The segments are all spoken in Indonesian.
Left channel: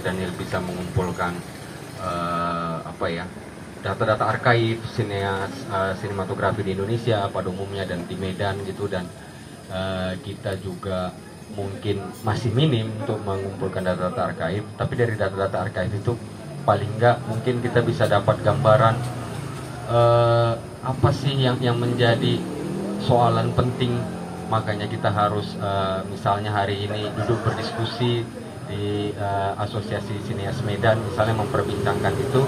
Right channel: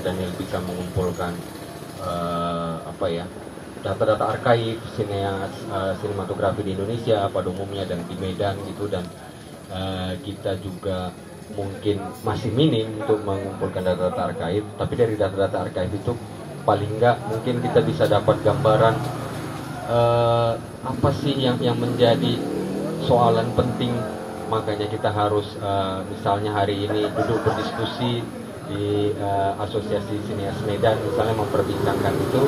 Daniel bisa mengumpulkan apa ya, data-data arkaif sinematografi di Indonesia pada umumnya dan di Medan gitu, dan kita juga mungkin masih minim untuk mengumpulkan data-data arkaif, tapi dari data-data arkaif itu paling nggak mungkin kita bisa dapat gambaran apa sih yang menjadi soalan penting. Makanya kita harus misalnya hari ini duduk berdiskusi di Asosiasi Sineas Medan misalnya memperbincangkan itu,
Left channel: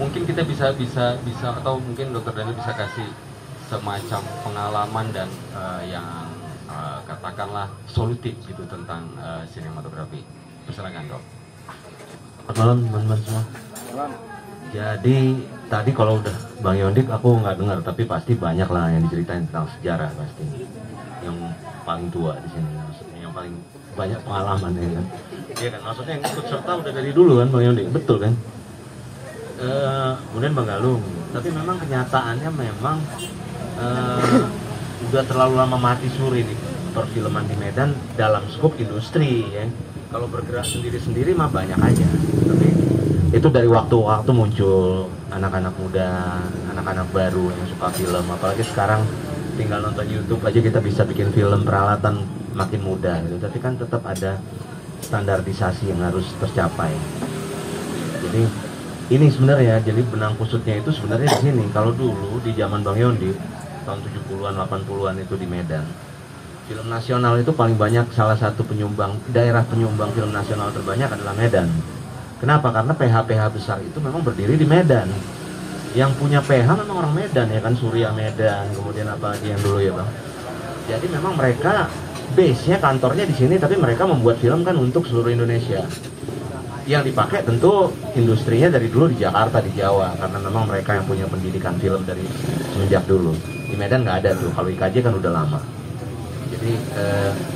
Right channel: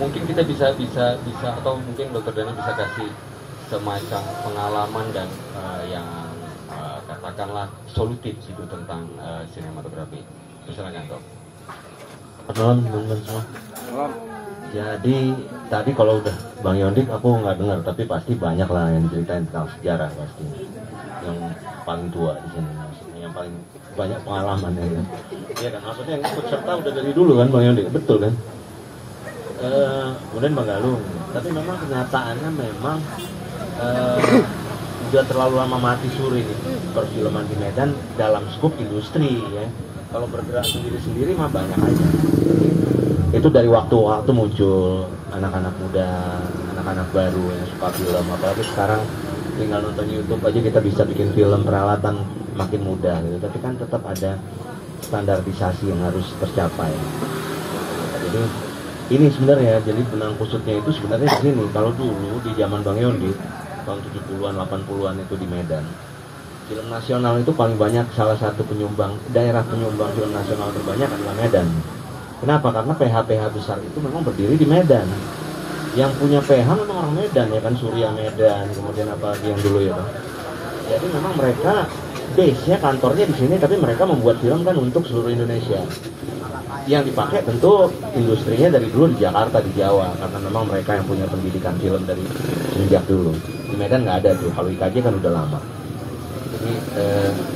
mungkin kita bisa atau mungkin Dr. Dani bisa kasih semacam pengalaman dan yang katakanlah solutif gitu tentang sinematografi. Silakan Dok. Selamat malam teman-teman semua. Jadi tadi kalau udah Bang Yondik aku nggak dengar, tapi pasti banyak lah yang diceritain tentang sejarah pasti. Yang paling tua di sini, maksudnya yang paling banyak pengalaman ya kan. Iya kan, maksudnya yang ikut serta udah dari dulu kan Bang Yondik, betul kan? Kemudian Bang Galung, tapi memang kenyataannya memang udah terlalu lama mati suri di perfilman di Medan dalam skop industri ya. Kalau bergerak sendiri-sendiri mah banyak aja, tapi itu dari waktu-waktu muncul anak-anak muda, anak-anak baru yang suka film, apalagi sekarang tinggal nonton YouTube aja kita bisa bikin film, peralatan makin mudah gitu. Tapi kan tetap ada standarisasi yang harus tercapai. Jadi ini sebenarnya, jadi benang kusutnya itu sebenarnya di sini. Kalau dulu di zaman Bang Yondi tahun 70-an 80-an itu di Medan, film nasional itu paling banyak, salah satu daerah penyumbang film nasional terbanyak adalah Medan. Kenapa? Karena PH-PH besar itu memang berdiri di Medan. Yang punya PH memang orang Medan ya kan, Surya Medan, kemudian apa lagi yang dulu ya Bang. Jadi memang mereka base-nya, kantornya di sini, tapi mereka membuat film kan untuk seluruh Indonesia. Yang dipakai tentu industrinya dari dulu di Jakarta, di Jawa, karena memang mereka yang punya pendidikan film dari semenjak dulu. Di Medan nggak ada tuh, kalau IKJ kan udah lama. Jadi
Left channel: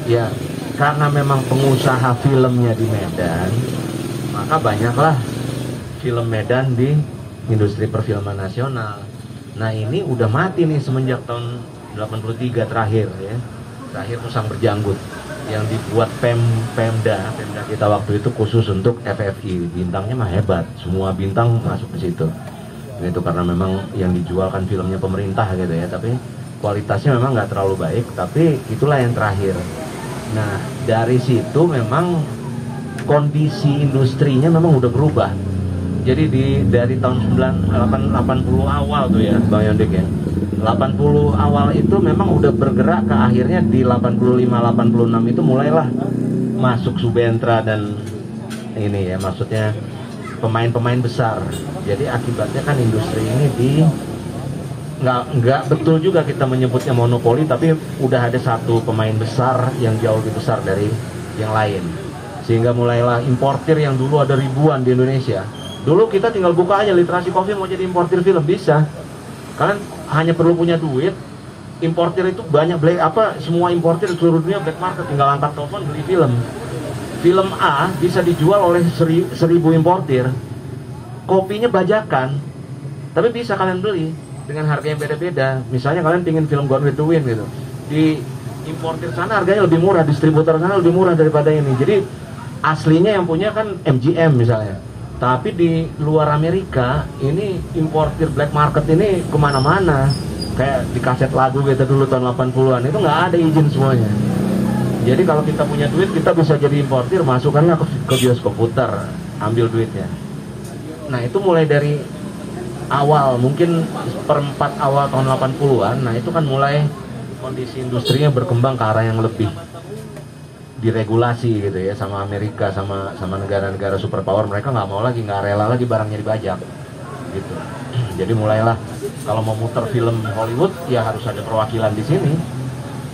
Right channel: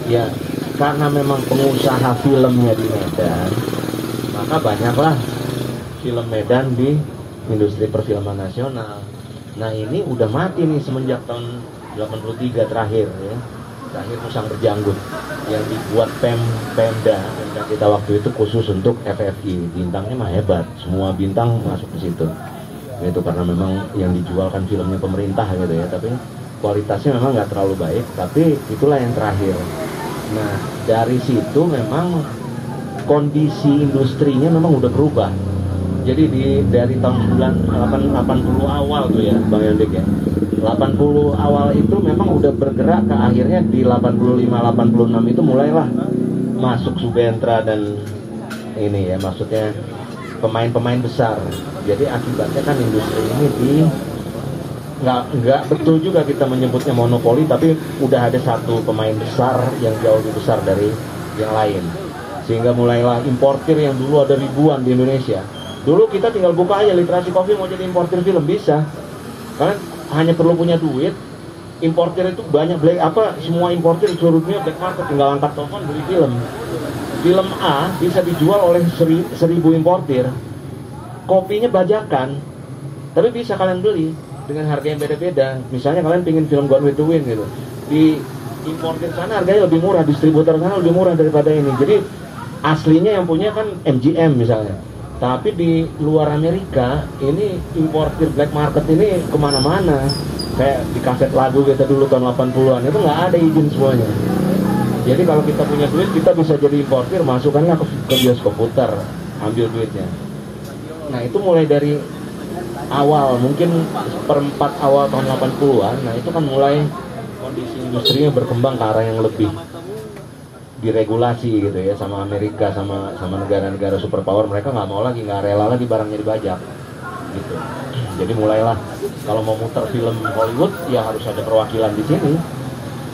ya karena memang pengusaha filmnya di Medan, maka banyaklah film Medan di industri perfilman nasional. Nah ini udah mati nih semenjak tahun 83 terakhir ya. Terakhir Musang Berjanggut yang dibuat Pemda kita waktu itu khusus untuk FFI. Bintangnya mah hebat, semua bintang masuk ke situ. Nah, itu karena memang yang dijual kan filmnya pemerintah gitu ya, tapi kualitasnya memang nggak terlalu baik, tapi itulah yang terakhir. Nah dari situ memang kondisi industrinya memang udah berubah. Jadi dari tahun 80 awal tuh ya Bang Yondik ya, 80 awal itu memang udah bergerak ke akhirnya di 85-86 itu mulailah masuk Subentra dan ini ya, maksudnya pemain-pemain besar. Jadi akibatnya kan industri ini nggak betul juga kita menyebutnya monopoli, tapi udah ada satu pemain besar yang jauh lebih besar dari yang lain, sehingga mulailah importir yang dulu ada ribuan di Indonesia. Dulu kita tinggal buka aja literasi kopi mau jadi importir film bisa, kalian hanya perlu punya duit. Importir itu banyak, semua importir di seluruh dunia black market, tinggal angkat telepon beli film. Film A bisa dijual oleh 1000 importir, kopinya bajakan, tapi bisa kalian beli dengan harga yang beda-beda. Misalnya kalian pingin film Gone with the Wind gitu, di importir sana harganya lebih murah, distributor sana lebih murah daripada ini. Jadi aslinya yang punya kan MGM misalnya, tapi di luar Amerika ini importir black market ini kemana-mana. Kayak di kaset lagu kita dulu tahun 80-an itu nggak ada izin semuanya. Jadi kalau kita punya duit kita bisa jadi importir, masukkanlah ke bioskop, putar, ambil duitnya. Nah itu mulai dari awal, mungkin perempat awal tahun 80-an, nah itu kan mulai kondisi industrinya berkembang ke arah yang lebih diregulasi gitu ya, sama Amerika, sama negara-negara superpower. Mereka nggak mau lagi, nggak rela lagi barangnya dibajak gitu. Jadi mulailah kalau mau muter film Hollywood ya harus ada perwakilan di sini.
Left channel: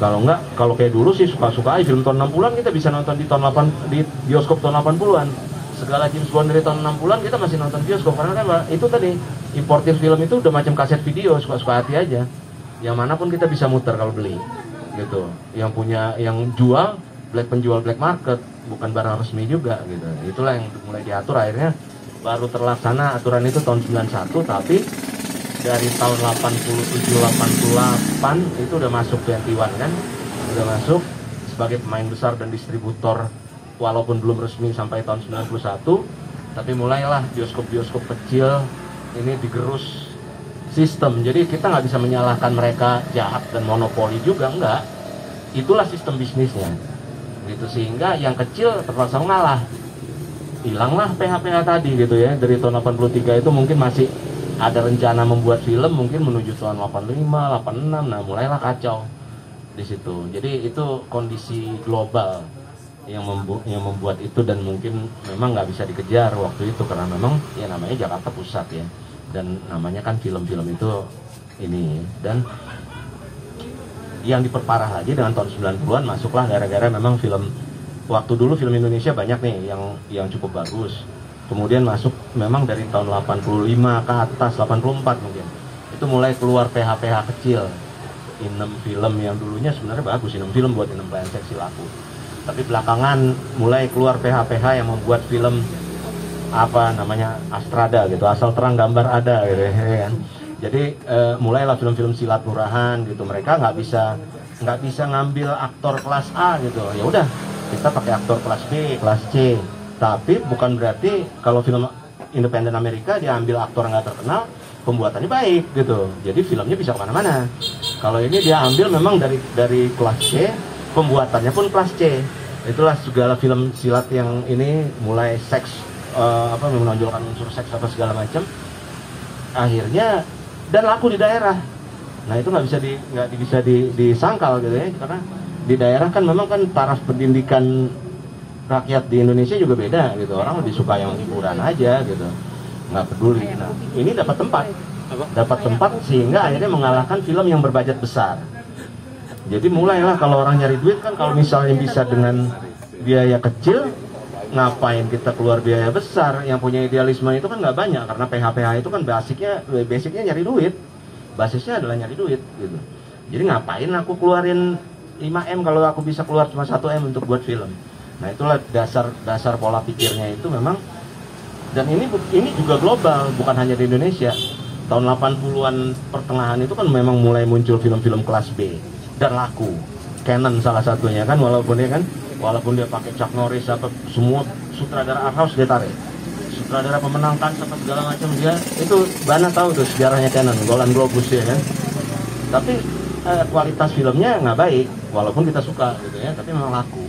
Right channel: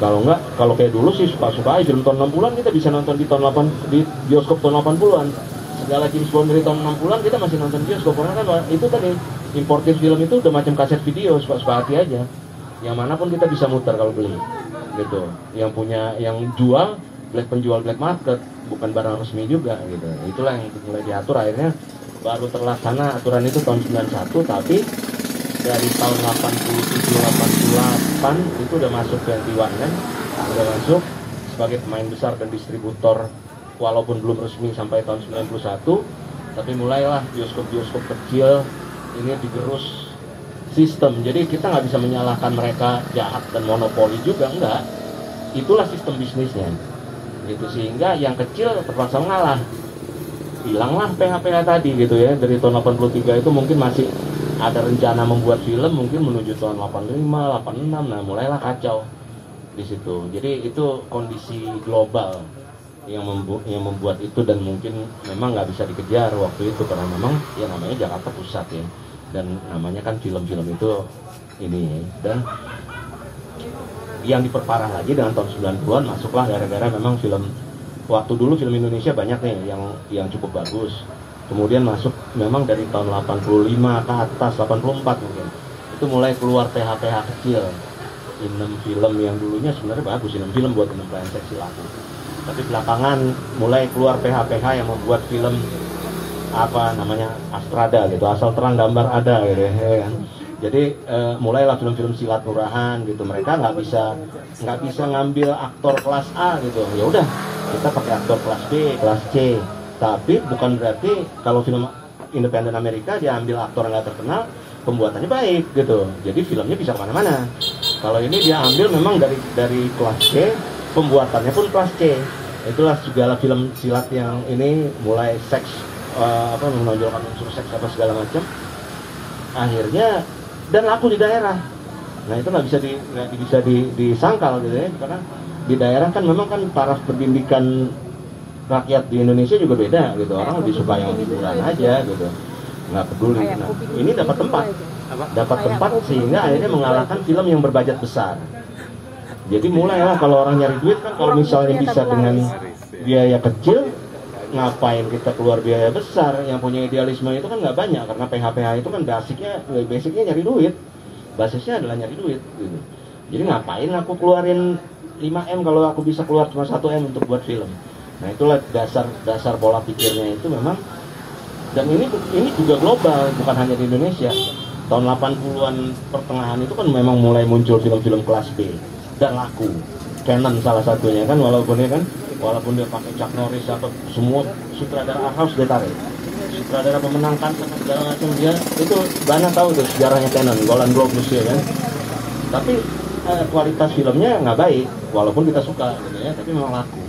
Kalau enggak, kalau kayak dulu sih suka-suka aja film tahun 60-an kita bisa nonton di bioskop tahun 80-an. Segala James Bond dari tahun 60-an kita masih nonton bioskop, karena kan itu tadi importir film itu udah macam kaset video, suka-suka hati aja. Yang manapun kita bisa muter kalau beli gitu. Yang jual penjual black market, bukan barang resmi juga gitu. Itulah yang mulai diatur, akhirnya baru terlaksana aturan itu tahun 91, tapi dari tahun 87-88 itu udah masuk 21 kan, udah masuk sebagai pemain besar dan distributor walaupun belum resmi sampai tahun 91, tapi mulailah bioskop-bioskop kecil ini digerus sistem. Jadi kita nggak bisa menyalahkan mereka jahat dan monopoli juga, enggak. Itulah sistem bisnisnya. Gitu, sehingga yang kecil terpaksa mengalah. Hilanglah PH-PH tadi gitu ya. Dari tahun 83 itu mungkin masih ada rencana membuat film mungkin menuju tahun 85, 86. Nah, mulailah kacau di situ. Jadi itu kondisi global yang membuat itu, dan mungkin memang nggak bisa dikejar waktu itu karena memang ya namanya Jakarta Pusat ya, dan namanya kan film-film itu ini. Dan yang diperparah lagi dengan tahun 90-an masuklah gara-gara memang film, waktu dulu film Indonesia banyak nih yang cukup bagus, kemudian masuk memang dari tahun 85 ke atas, 84 mungkin itu mulai keluar PH-PH kecil, Inem Film yang dulunya sebenarnya bagus, Inem Film buat Inem Pelayan Seksi Laku, tapi belakangan mulai keluar PH-PH yang membuat film apa namanya Astrada gitu, asal terang gambar ada gitu ya kan. Jadi mulailah film-film silat murahan gitu, mereka nggak bisa ngambil aktor kelas A gitu, ya udah kita pakai aktor kelas B, kelas C. Tapi bukan berarti kalau film independen Amerika dia ambil aktor nggak terkenal pembuatannya baik gitu, jadi filmnya bisa kemana-mana. Kalau ini dia ambil memang dari kelas C, pembuatannya pun kelas C. Itulah segala film silat yang ini mulai seks, menonjolkan unsur seks apa segala macam, akhirnya dan laku di daerah. Nah itu nggak bisa disangkal gitu ya, karena di daerah kan memang kan taraf pendidikan rakyat di Indonesia juga beda gitu, orang lebih suka yang hiburan aja gitu, nggak peduli. Nah ini dapat tempat sehingga akhirnya mengalahkan film yang berbudget besar. Jadi mulailah kalau orang nyari duit kan, kalau misalnya bisa dengan biaya kecil, ngapain kita keluar biaya besar? Yang punya idealisme itu kan nggak banyak, karena PH-PH itu kan basicnya nyari duit, basisnya adalah nyari duit gitu. Jadi ngapain aku keluarin 5M kalau aku bisa keluar cuma 1M untuk buat film. Nah itulah dasar pola pikirnya itu memang, dan ini juga global, bukan hanya di Indonesia. Tahun 80-an pertengahan itu kan memang mulai muncul film-film kelas B dan laku. Canon salah satunya kan, walaupun dia pakai Chuck Norris apa semua sutradara art house dia tarik, sutradara pemenang kan apa segala macam, dia itu banyak tahu tuh sejarahnya Canon, Golden Globe ya kan. Tapi kualitas filmnya nggak baik, walaupun kita suka gitu ya, tapi memang laku.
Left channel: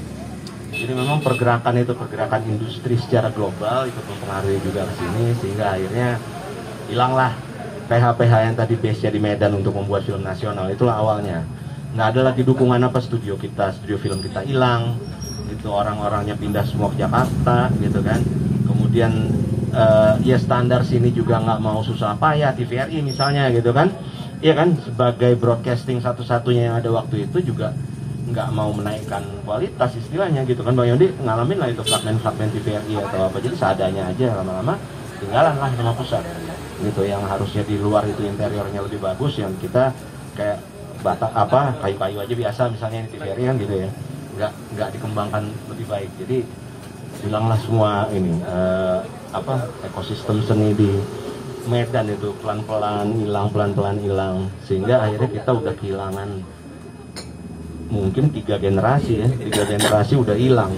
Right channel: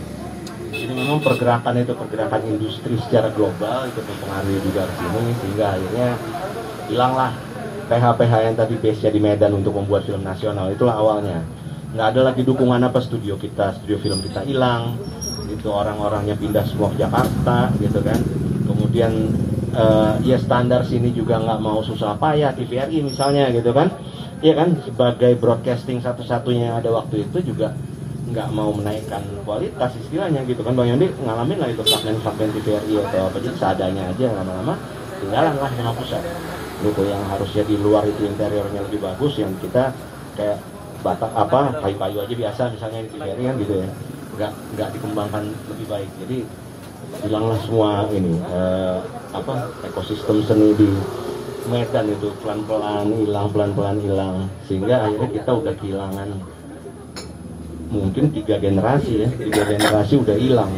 Jadi memang pergerakan industri secara global itu mempengaruhi juga ke sini, sehingga akhirnya hilanglah PH-PH yang tadi base-nya di Medan untuk membuat film nasional. Itulah awalnya. Nggak ada lagi dukungan apa, studio film kita hilang itu, orang-orangnya pindah semua ke Jakarta gitu kan. Kemudian ya standar sini juga nggak mau susah payah, TVRI misalnya gitu kan, ya kan, sebagai broadcasting satu-satunya yang ada waktu itu juga nggak mau menaikkan kualitas istilahnya gitu kan. Bang Yondi ngalamin lah itu fragmen-fragmen TVRI atau apa, jadi seadanya aja, lama-lama tinggalan lah sama pusat gitu, yang harusnya di luar itu interiornya lebih bagus, yang kita kayak kayu-kayu aja biasa misalnya di TVRI kan gitu ya, nggak dikembangkan lebih baik. Jadi hilanglah semua ini ekosistem seni di Medan itu pelan-pelan hilang, sehingga akhirnya kita udah kehilangan mungkin 3 generasi udah hilang,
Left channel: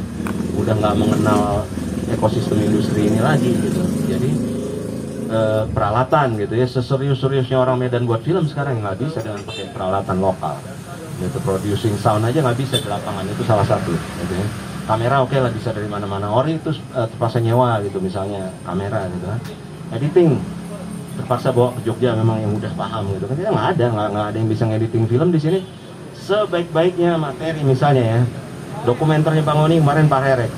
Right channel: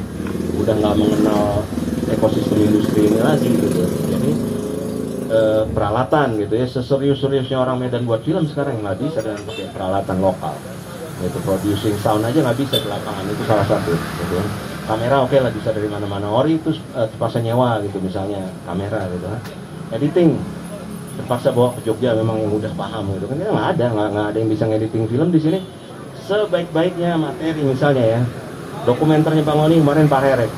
udah nggak mengenal ekosistem industri ini lagi gitu. Jadi peralatan gitu ya, seserius-seriusnya orang Medan buat film sekarang nggak bisa dengan pakai peralatan lokal gitu. Producing sound aja nggak bisa di lapangan, itu salah satu gitu ya. Kamera oke lah bisa dari mana-mana, ori itu terpaksa nyewa gitu misalnya kamera gitu kan. Editing terpaksa bawa ke Jogja memang yang udah paham gitu kan, kita nggak ada yang bisa ngediting film di sini. Sebaik-baiknya materi misalnya ya, dokumenternya Bang Oni kemarin Pak Rerek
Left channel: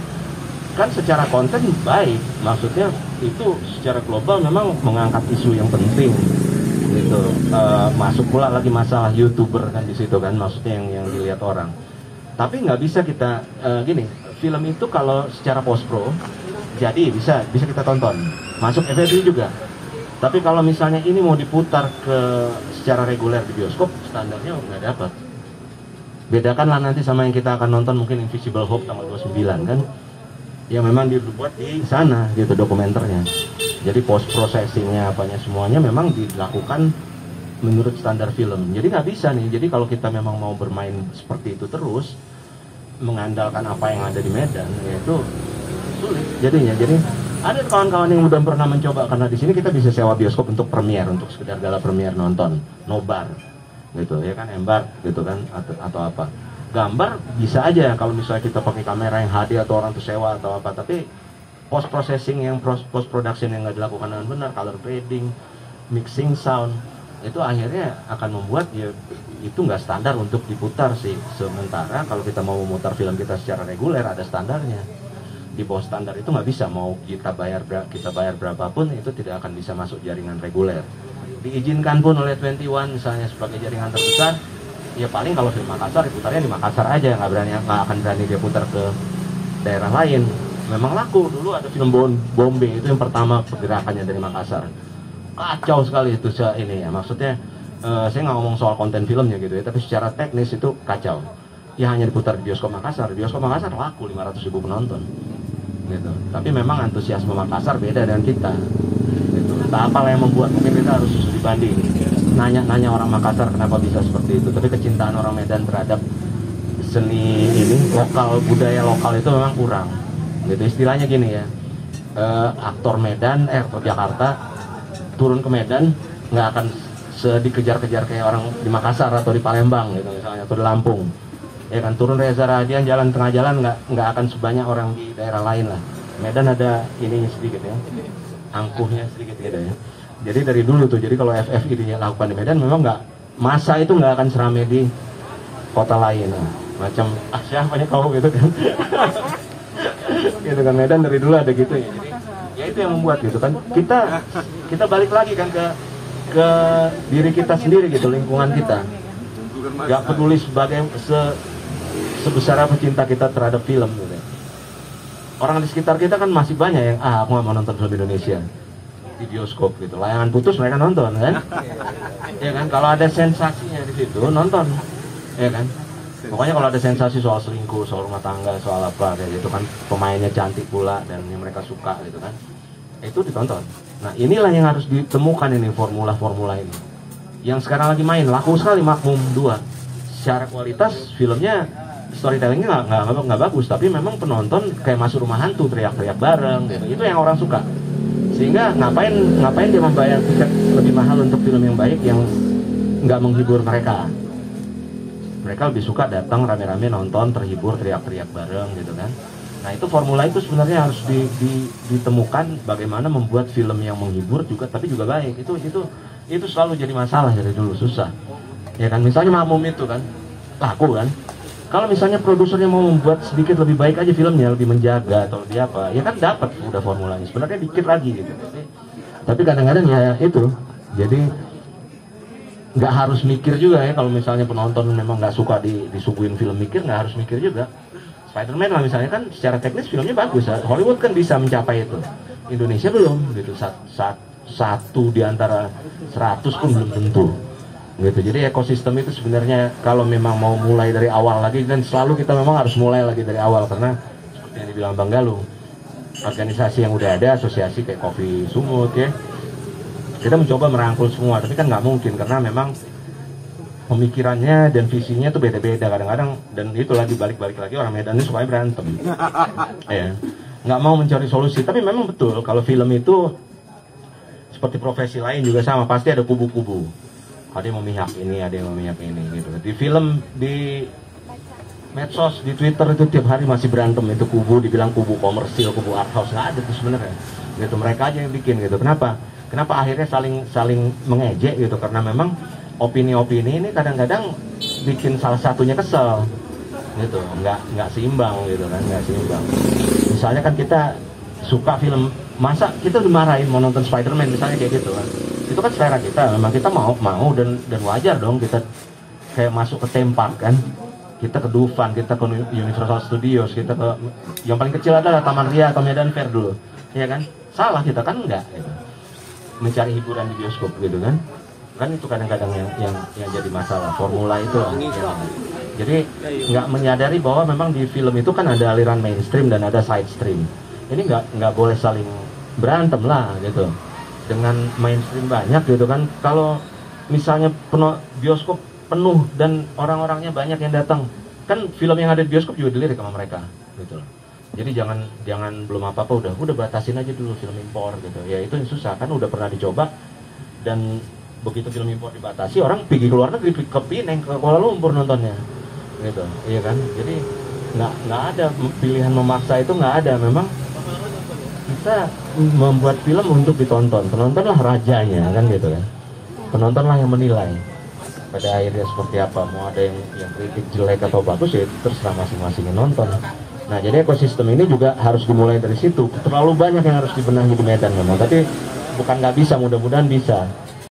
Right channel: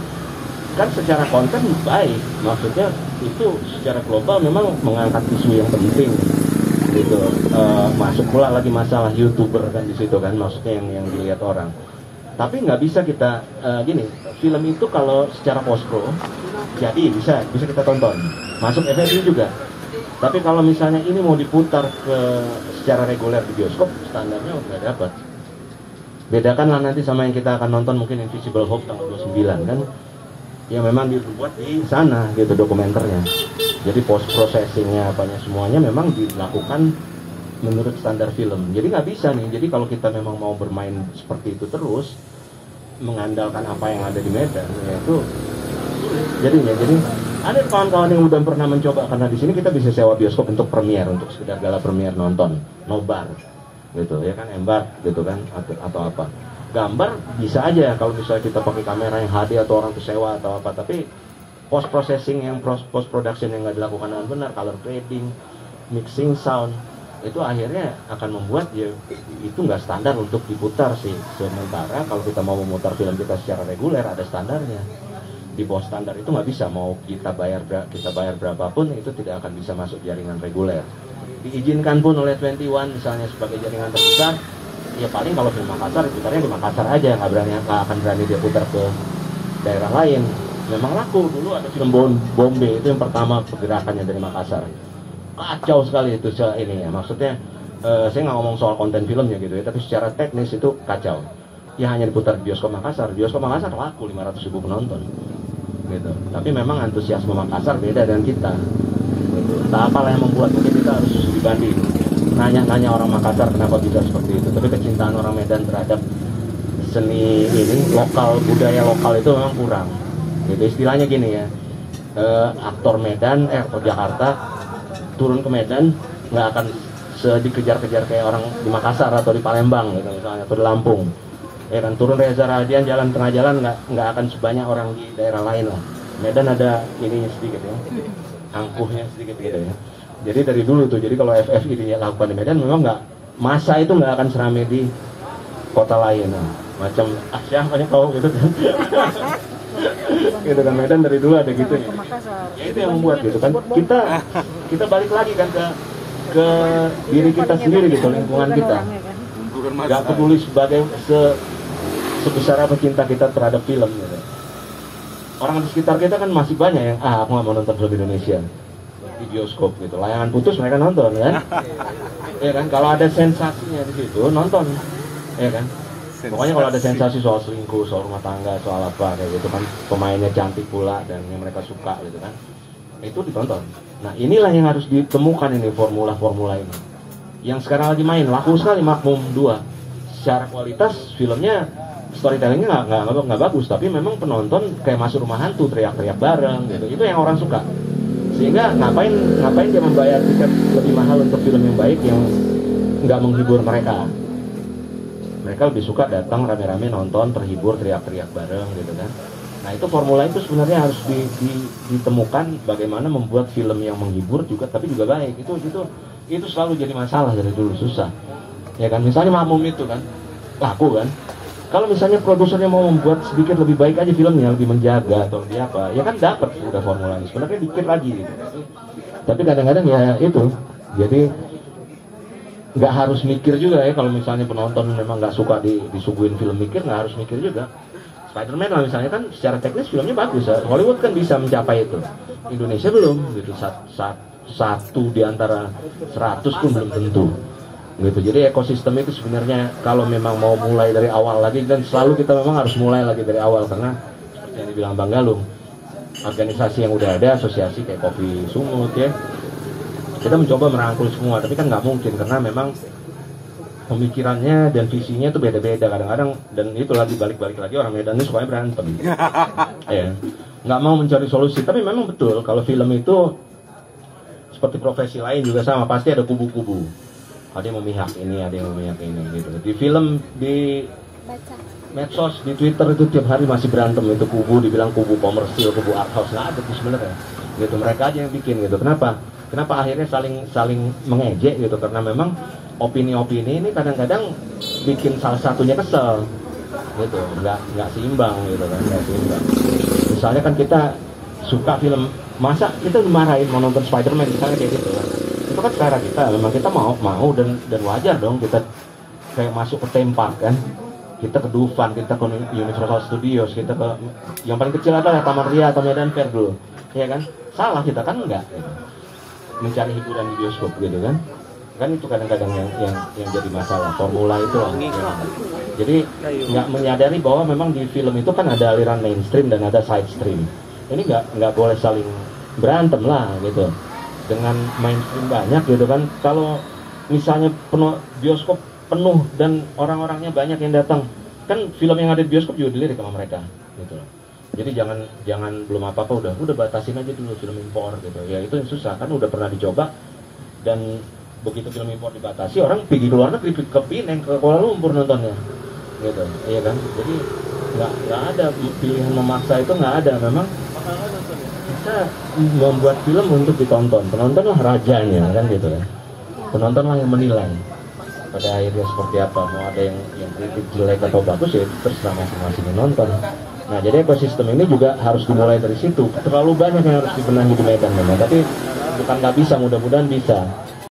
kan secara konten baik, maksudnya itu secara global memang mengangkat isu yang penting gitu. Masuk pula lagi masalah YouTuber kan di situ kan, maksudnya yang dilihat orang. Tapi nggak bisa kita gini, film itu kalau secara post pro jadi bisa kita tonton, masuk FFI juga. Tapi kalau misalnya ini mau diputar secara reguler di bioskop, standarnya udah dapat. Bedakanlah nanti sama yang kita akan nonton mungkin Invisible Hope tanggal 29 kan, yang memang dibuat di sana gitu dokumenternya. Jadi post processingnya apanya semuanya memang dilakukan menurut standar film. Jadi nggak bisa nih. Jadi kalau kita memang mau bermain seperti itu terus, mengandalkan apa yang ada di Medan, ya itu sulit jadinya. Jadi ada kawan-kawan yang udah pernah mencoba, karena di sini kita bisa sewa bioskop untuk premier, untuk sekedar gala premier nonton, nobar gitu ya kan, embak gitu kan, atau apa. Gambar bisa aja kalau misalnya kita pakai kamera yang HD atau orang tuh sewa atau apa, tapi post processing yang post production yang nggak dilakukan dengan benar, color grading, mixing sound, itu akhirnya akan membuat ya itu nggak standar untuk diputar sih. Sementara kalau kita mau memutar film kita secara reguler ada standarnya. Di bawah standar itu nggak bisa, mau kita bayar berapapun itu tidak akan bisa masuk jaringan reguler. Diizinkan pun oleh 21 misalnya sebagai jaringan terpisah, ya paling kalau film Makassar putarnya di Makassar aja, nggak akan berani dia putar ke daerah lain. Memang laku dulu ada film Bombe itu yang pertama pergerakannya dari Makassar, kacau sekali itu ini ya, maksudnya saya nggak ngomong soal konten filmnya gitu ya, tapi secara teknis itu kacau ya, hanya diputar di bioskop Makassar laku 500.000 penonton gitu. Tapi memang antusiasme Makassar beda dengan kita gitu. Entah apalah yang membuat kita harus studi banding, nanya orang Makassar kenapa bisa seperti itu. Tapi kecintaan orang Medan terhadap seni ini lokal, budaya lokal itu memang kurang gitu. Istilahnya gini ya, aktor Medan aktor Jakarta turun ke Medan nggak akan dikejar-kejar kayak orang di Makassar atau di Palembang gitu misalnya, atau di Lampung ya kan. Turun Reza Radian jalan tengah jalan nggak akan sebanyak orang di daerah lain lah. Medan ada ininya sedikit ya, angkuhnya sedikit gitu ya. Jadi dari dulu tuh, jadi kalau FFI dilakukan di Medan memang nggak, masa itu nggak akan seramai di kota lain macam siapa nih kau gitu kan. Gitu kan, Medan dari dulu ada gitu ya. Ya itu yang membuat gitu kan, kita balik lagi kan ke diri kita sendiri gitu, lingkungan kita. Gak peduli sebesar apa cinta kita terhadap film gitu. Orang di sekitar kita kan masih banyak yang aku nggak mau nonton film Indonesia di bioskop gitu, layangan putus mereka nonton kan. Ya kan, kalau ada sensasinya di situ nonton ya kan. Pokoknya kalau ada sensasi soal selingkuh, soal rumah tangga, soal apa kayak gitu kan, pemainnya cantik pula dan yang mereka suka gitu kan, itu ditonton. Nah inilah yang harus ditemukan ini, formula-formula ini yang sekarang lagi main, laku sekali Makmum 2. Secara kualitas filmnya, storytellingnya nggak bagus, tapi memang penonton kayak masuk rumah hantu, teriak-teriak bareng gitu. Itu yang orang suka. Sehingga ngapain dia membayar tiket lebih mahal untuk film yang baik yang nggak menghibur mereka. Mereka lebih suka datang rame-rame nonton, terhibur, teriak-teriak bareng gitu kan. Nah itu formula itu sebenarnya harus ditemukan, bagaimana membuat film yang menghibur juga tapi juga baik. Itu selalu jadi masalah dari dulu, susah ya kan. Misalnya Makmum itu kan laku kan, kalau misalnya produsernya mau membuat sedikit lebih baik aja filmnya, lebih menjaga atau dia apa, ya kan dapat udah formulanya sebenarnya dikit lagi gitu. Tapi kadang-kadang ya itu, jadi nggak harus mikir juga ya. Kalau misalnya penonton memang nggak suka disuguhin film mikir, nggak harus mikir juga. Spider-Man lah misalnya kan secara teknis filmnya bagus, Hollywood kan bisa mencapai itu, Indonesia belum gitu. Satu di antara 100 pun belum tentu gitu. Jadi ekosistem itu sebenarnya kalau memang mau mulai dari awal lagi, dan selalu kita memang harus mulai lagi dari awal, karena seperti yang dibilang Bang Galung, organisasi yang udah ada, asosiasi kayak Kopi Sumut ya, kita mencoba merangkul semua, tapi kan nggak mungkin karena memang pemikirannya dan visinya itu beda-beda kadang-kadang. Dan itu lagi balik lagi orang Medan ini sukanya berantem ya, nggak mau mencari solusi. Tapi memang betul kalau film itu seperti profesi lain juga sama, pasti ada kubu-kubu, ada yang memihak ini, ada yang memihak ini gitu. Di film, di medsos, di Twitter itu tiap hari masih berantem itu kubu, dibilang kubu komersil, kubu art house, nggak ada tuh sebenarnya gitu. Mereka aja yang bikin gitu. Kenapa akhirnya saling mengejek gitu, karena memang opini-opini ini kadang-kadang bikin salah satunya kesel gitu, nggak seimbang gitu kan, nggak seimbang. Misalnya kan kita suka film, masa kita dimarahin mau nonton Spider-Man misalnya kayak gitu kan, itu kan selera kita, memang kita mau dan wajar dong kita kayak masuk ke tempat kan, kita ke Dufan, kita ke Universal Studios, kita ke yang paling kecil adalah Taman Ria atau Medan Fair dulu, ya kan, salah kita kan enggak gitu. Mencari hiburan di bioskop gitu kan itu kadang-kadang yang jadi masalah, formula itu ya. Jadi nggak menyadari bahwa memang di film itu kan ada aliran mainstream dan ada side stream. Ini nggak boleh saling berantem lah gitu. Dengan mainstream banyak gitu kan, kalau misalnya bioskop penuh dan orang-orangnya banyak yang datang, kan film yang ada di bioskop juga dilirik sama mereka gitu loh. Jadi jangan belum apa-apa udah batasin aja dulu film impor gitu. Ya itu yang susah kan, udah pernah dicoba, dan begitu film impor dibatasi orang pergi ke luar negeri, ke Pineng, ke Kuala Lumpur nontonnya gitu, iya kan. Jadi nggak ada pilihan memaksa, itu nggak ada. Memang kita membuat film untuk ditonton, penontonlah rajanya kan gitu kan, penontonlah yang menilai pada akhirnya seperti apa. Mau ada yang kritik jelek atau bagus ya terserah masing-masing yang nonton. Nah jadi ekosistem ini juga harus dimulai dari situ. Terlalu banyak yang harus dibenahi di Medan memang, tapi bukan nggak bisa, mudah-mudahan bisa.